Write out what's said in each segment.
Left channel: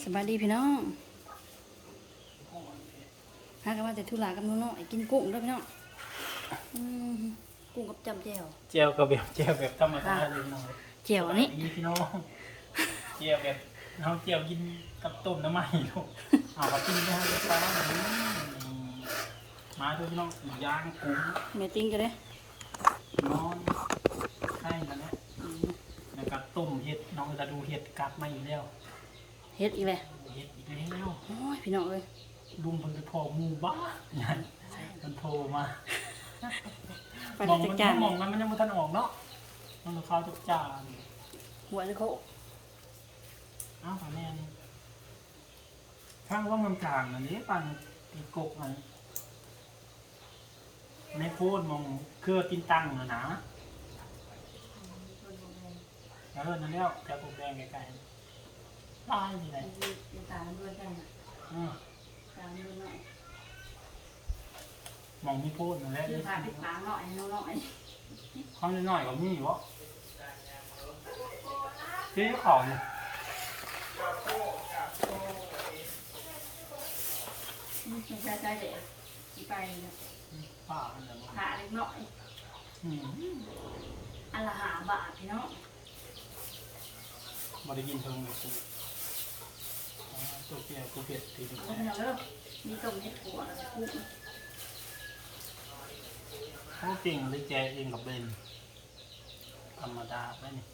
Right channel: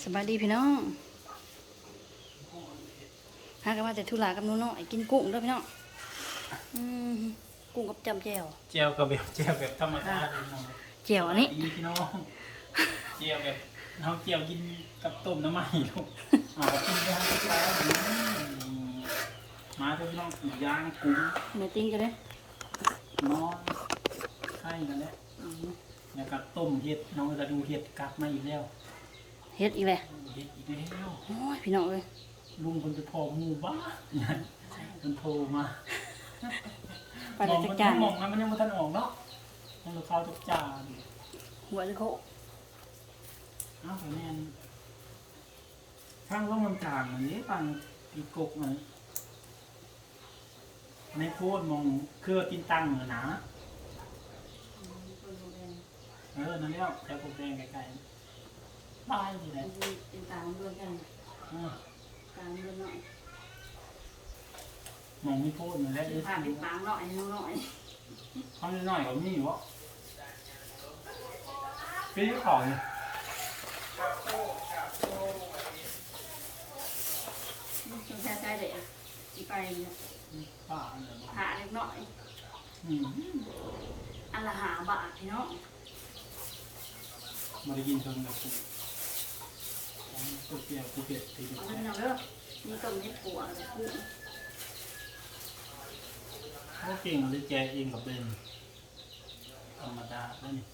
สบายดีพี่น้องหากันมาแต่ธุระกับหน้องๆไอ้กินกุ้งเด้วยพี่น้องอืมกุ้งกับจำแจ่วเจียวกับแบบเจียวแบบธรรมดาเลยเนาะแจ่วอันนี้อีพี่น้องเจียวแบบเราเจียวกินกับต้มน้ำมันลูกเอากับกินด้วยเช้าอืมมาเถอะพี่น้องหมูย่างกุ้งเมติ้งจะได้นอนไข่กันแล้วอืมแล้วก็ต้มเห็ดน้องจะดูเห็ดกัดมาอีกแล้ว เฮ็ดอีกแหละเห็ดอีกแล้วโอ้ยพี่น้องเอ้ยลุงคนจะพอหมู่บ้านใช่มันโทรมาไปแล้วจักจานมองมันมันยังไม่ทันออกเนาะมันจะเข้าจักจานหัวจะโคอ้าวแม่นทางร่องลำกลางมันนี้ปังอีกกมันในโพดมองเครือตินตังน่ะนะเออนั่นแล้วแถวปกแดงไกลๆ ตายอยู่ไหนเป็นตาล้วนกันเออตาล้วนหน่อยมองไม่โพดนั่นแหละคือผ่าเป็นปางหน่อยน้องหน่อยเขาหน่อยก็มีอยู่วะพี่ยุเขาเนี่ยสงสารใจเด็กอีไปเนี่ยป้าเนี่ยบอกผ่าเล็กน้อยอืมอันละหาบาทพี่น้อง บริกินเชิงแบบกูเอา ตัวเปียกกูเปียกตีนเอาไปพี่น้องเด้อมีต้มเห็ดปัวแล้วก็กุ้งเขาเก่งเลยแจเองกับเบนธรรมดาได้นี่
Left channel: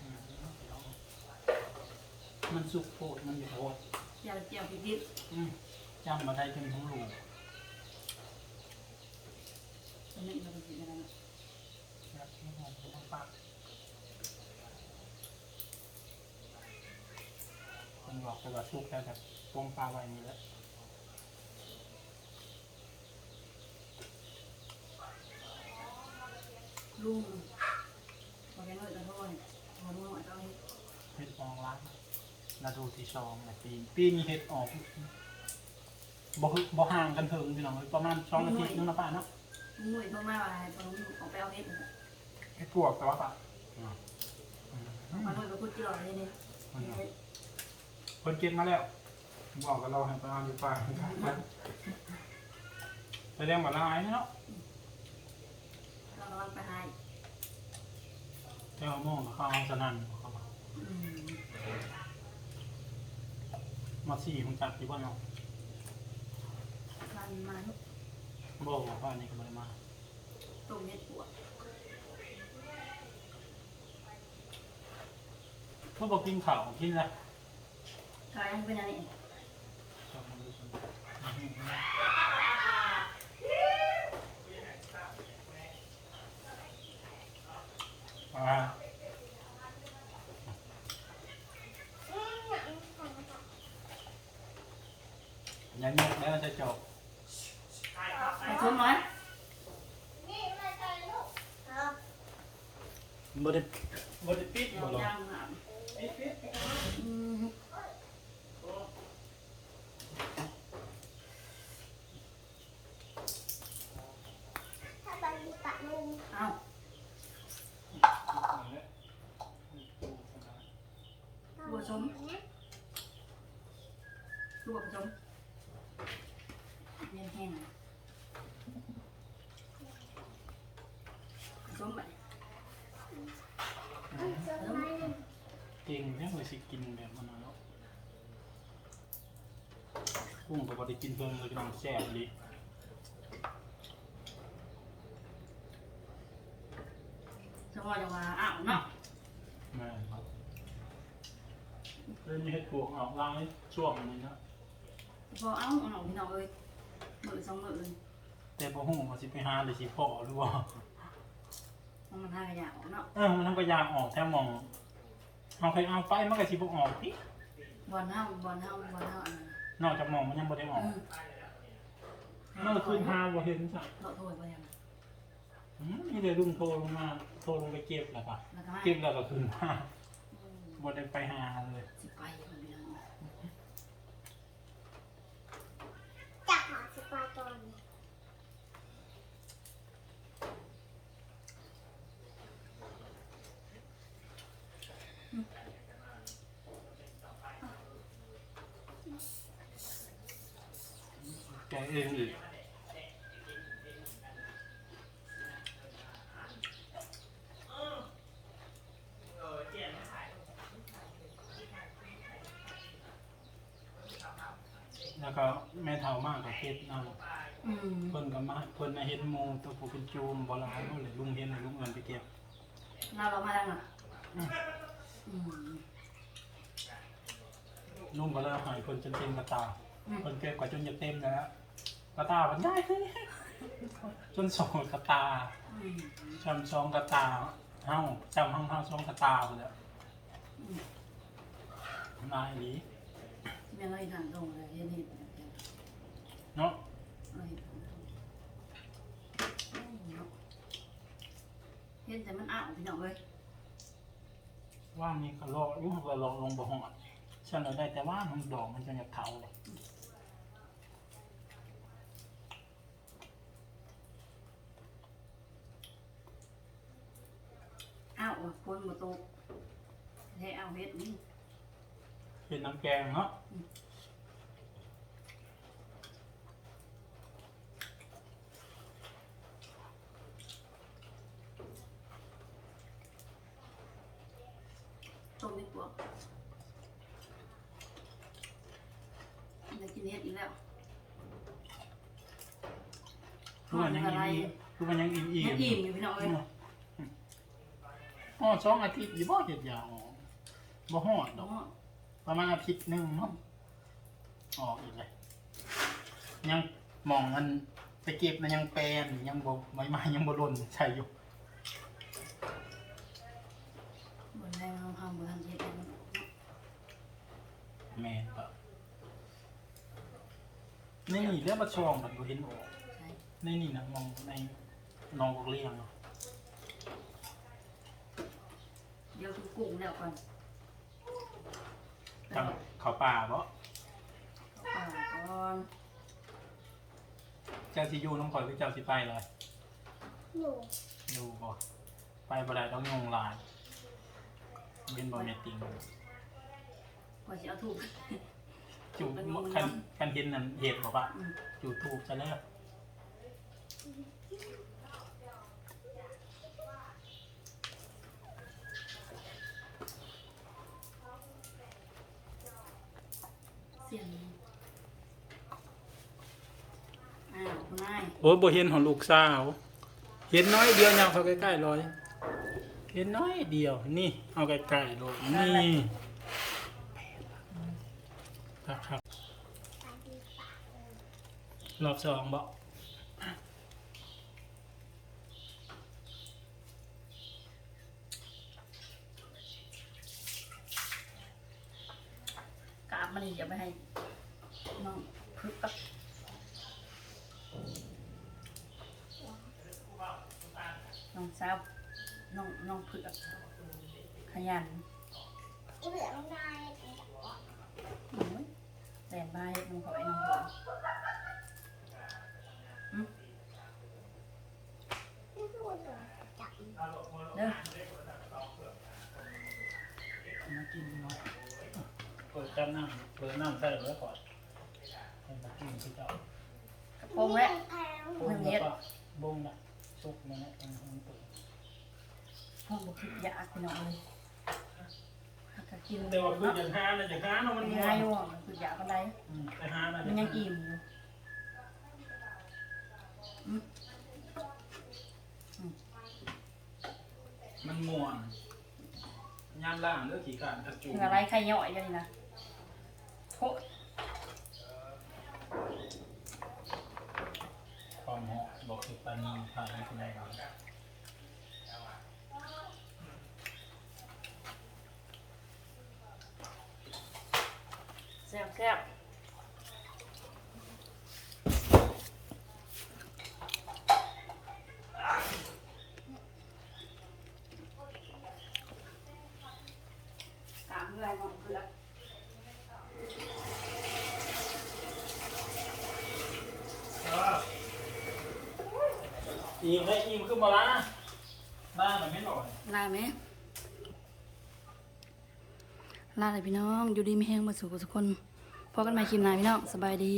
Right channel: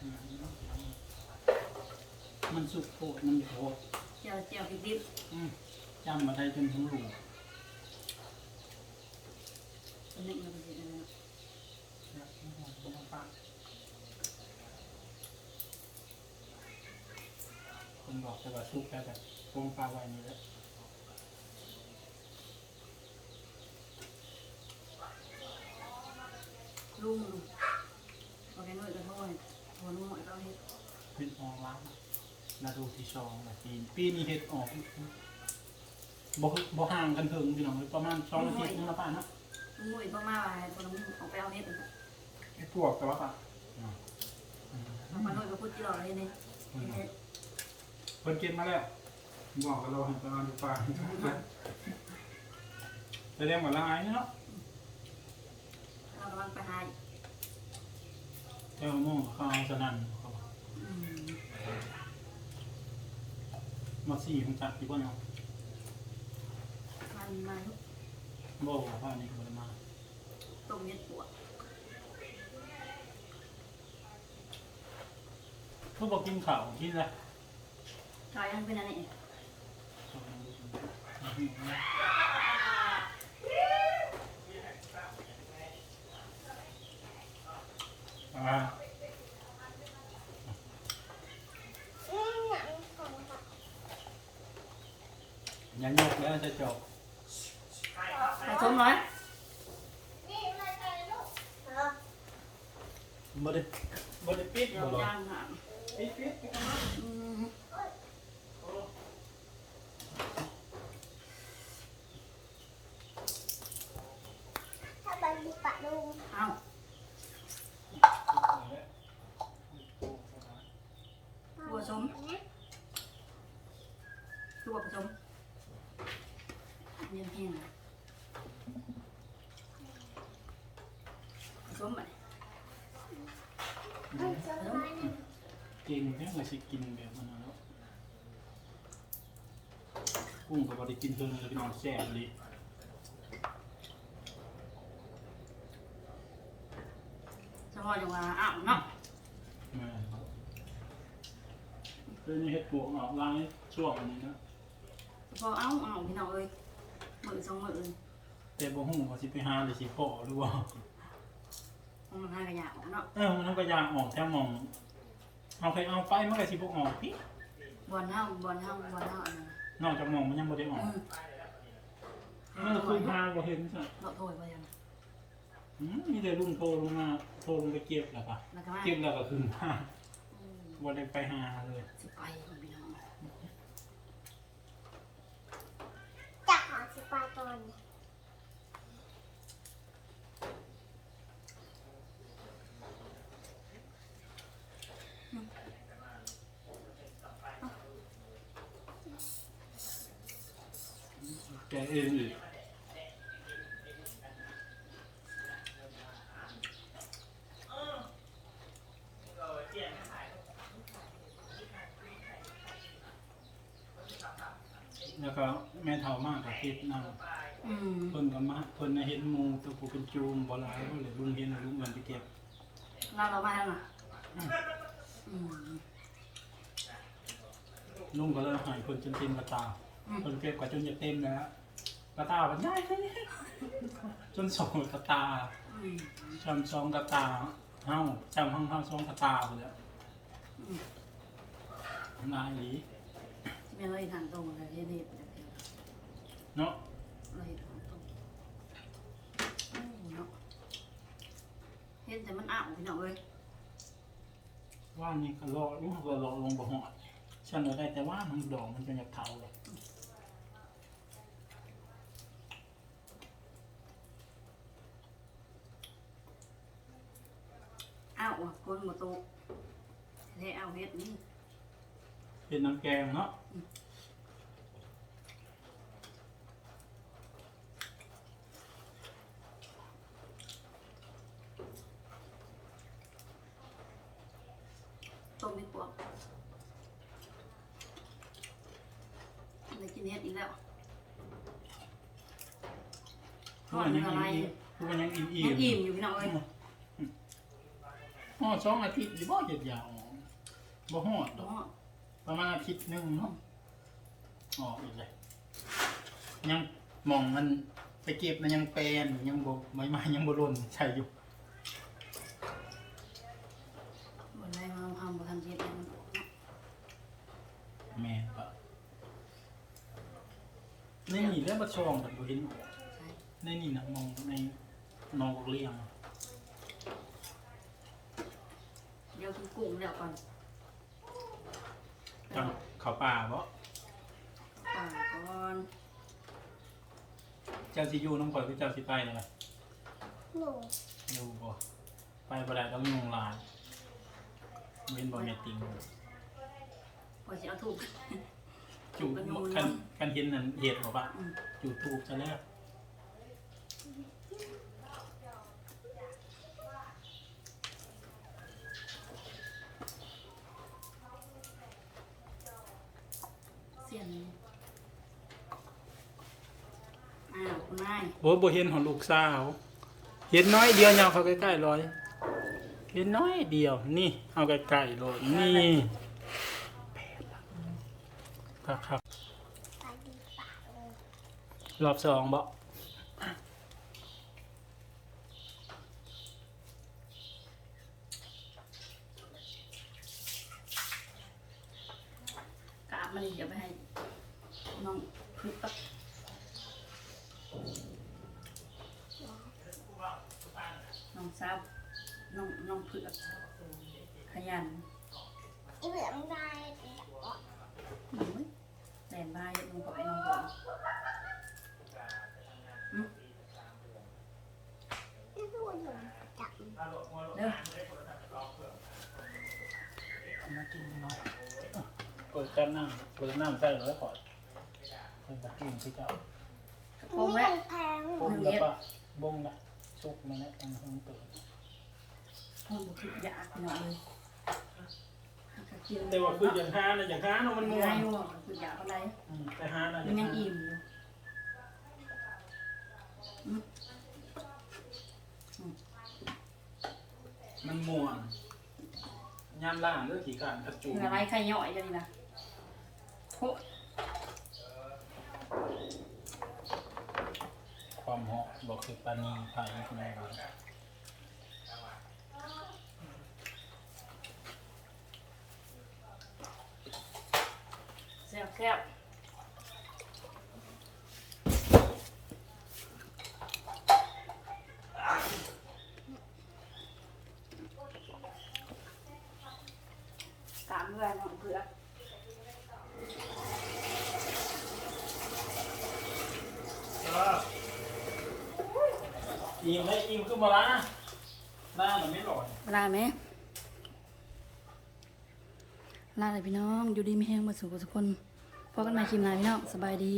อืมมันสุกโพดมันอยู่โพดเจียวเจียวพริกดิบอืมจำมาได้จนหูรูเป็นหนึ่งเราเป็นสิอะไรเนาะแล้วก็มองไปทางปาคนบอกไปว่าสุกแต่แต่กงปลาไว้นี่แหละลุงพอแกน้อยก็โทษพอลุงหน่อยก็เอาเห็ดเห็ดออกร้านนาดูที่สองนะปีปีนี้เห็ดออกบ่คือบ่ห่างกันเถิงพี่น้องเอ้ยประมาณสองอาทิตย์นึงนะป้าเนาะ ลุงหน่อยต้องมาว่าให้พอลุงออกไปเอาเห็ดเลยเห็ดปวกแต่ว่าป้าอ่าอืมเอามาหน่อยก็พูดกี่หล่อเลยเนี่ยเห็ดเพิ่นเก็บมาแล้วบอกกับเราให้ประมาณอยู่ป่าไปเรียกว่าลายเนาะเรากำลังไปหาแถวม่วงเขาเอาสนั่นเขาว่าอืมมาสี่มึงจับอยู่บ้านเนาะมันมาลูก โบว่าอันนี้ก็ไม่ได้มาต้มเห็ดปัวพวกบอกกินข้าวกินอะไรจอยยังเป็นอะไรอ่าอย่ายกแล้วจะจบ สมหน่อยบ่ได้บ่ได้ปิดเดี๋ยวบ่ได้ย่างอะปิดปิดอืมถ้าไปมีปะลุงเอาตัวผสมตัวผสมเย็นแห้งเลยผสมไปผสม เก่งแท้ว่าสิกินแบบมันเนาะกุ้งก็บ่ได้กินเพิ่นเลยพี่น้องแซ่บเลยสมมติว่าอ้าวเนาะแม่ครับเล่นเฮ็ดปวกออกลายช่วงนี้เนาะพอเอาเอาพี่น้องเอ้ยมือสองมือแต่บ่ฮู้ว่าสิไปหาหรือสิพอหรือว่าของมันทางกระยาออกเนาะเออมันต้องพยายามออกแถวหมอง เอาไปเอาไปมันก็สิบ่ออกพี่บอลเฮาบอลเฮาบอลเฮาอันนั้นนอกจากหมองมันยังบ่ได้ออกอืมเมื่อคืนหาบ่เห็นซะเราโทษไปยังอืมมีแต่ลุงโทรลงมาโทรลงไปเก็บแล้วก็แล้วก็มาเก็บแล้วก็คืนมาอืมบ่ได้ไปหาเลย สิไปของพี่น้อง แกงเองอีกแล้วก็แม่เท่ามากกับเฮ็ดน้องอืเพิ่นก็มาเพิ่นนเห็นหมู่ตัวผู้เป็นจูมบ่หลายเท่าไหร่ลุงเห็นแล้ลุงเงินไปเก็บ เราเรามาทางไนอืม อืมลุงก็เลยใหายเพิ่นจนเต็มกระตาอืมเพิ่นเก็บกว่าจนจะเต็มแล้วกระตามันใหญ่จนสองกระตาอืมจำสองกระตาเฮาจำห้องเฮาสองกระตาไปแล้วอืมนายอีหลีแม่เราอีทางตรงเลยเฮ็ดนี่เป็นแบบเดียวเนาะเราเฮ็ดทางตรงโอ้เนาะเฮ็ดแต่มันอ้าวพี่น้องเอ้ย ว่างนี่ก็รออยู่ก็รอลงบ่ฮอดฉันเอาได้แต่ว่ามันดอกมันจะอยากเผาเลยอ้าวว่ะคนบ่ตกเฮ็ดเอาเฮ็ดนี่เป็นน้ำแกงเนาะ ต้มดีกว่าได้กินเฮ็ดอีกแล้ว คือมันยังอิ่มคือมันยังอิ่มอิ่ยังอิ่มอยู่พี่น้องเอ้ยอ๋อสองอาทิตย์อยู่บ่เฮ็ดยาวบ่ฮอดดเนาอกประมาณอาทิตย์หนึงเนาะออกอีกเลยยังมองมันไปเก็บมันยังแปลนยังบ่ใบไม้ยังบ่หล่นใช่อยู่บ่ได้มาทำบ่ทันเฮ็ดแล้วมันออกเนาะแม่นปะนี่เรื่องประชองแบบบ่เห็นบ่ใช่ ในนี่นะมองในนองเลี้ยงอะเดี๋ยวกินกุ้งแล้วก่อนไปตามเอาเขาป่าบ่ป่าก่อนเจ้าสิอยู่น้องข่อยคือเจ้าสิไปเลยหนูอยู่บ่ไปบ่ได้ต้องยุงลายเป็นบ่แม่นจริงกว่าจะเอาถูกจูบเป็นยุงคันนำคันเห็นนั่นเหตุบ่ปะอืมจูบทูบซะแล้ว เสียนอ้าวคุณนายโอ้ยบ่เห็นของลูกสาว เห็นน้อยเดียวยาวเขาใกล้ๆเลยเห็นน้อยเดียว นี่ เอาใกล้ๆเลยนี่ครับครับปลาดีปะเออรอบสองบ่กราบมั นนี่เดี๋ยวไปให้น้องพึกปักน้องสาวน้องน้องเผือกขยันอีเหลืองได้เป็นแบบว่าหนูแฟนบานน้องขอไอ้น้องเผือกนี่คือเด้อมากินเนาะเปิดจานน้ำ เปิดน้ำใส่แล้วก่อนให้ตะกินที่เจ้ากระโปรงแล้วแพงบ่มแล้วก็บ่มละสุกแล้วนะอันนั้นเปิดห้องบุคืออยากพี่น้องเลยหากะกินแต่ว่าคืออย่างหาน่ะอย่างหาเนาะมันมันง่วง่ายงอยู่มันคืออยากอะไรอืมแต่หาน่ะมันยังอิ่มอยู่อืมมันม่วนยามล่างเลือกขี่การกระจุคืออะไรใครย่อยเดี๋ยวนี้นะโคตร ความเหาะบอกคือปานีผ่านที่ไหนวะ แซ่บแซ่บ ตามด้วยน้องเผือกอิ่มเลยอิ่มขึ้นมาละหน้ามันไม่หล่อนลาไหมลาเลยพี่น้อง อยู่ดีมีแห้งมาสู่ทุกคนพบกันใหม่คลิปหน้าพี่น้อง สบายดี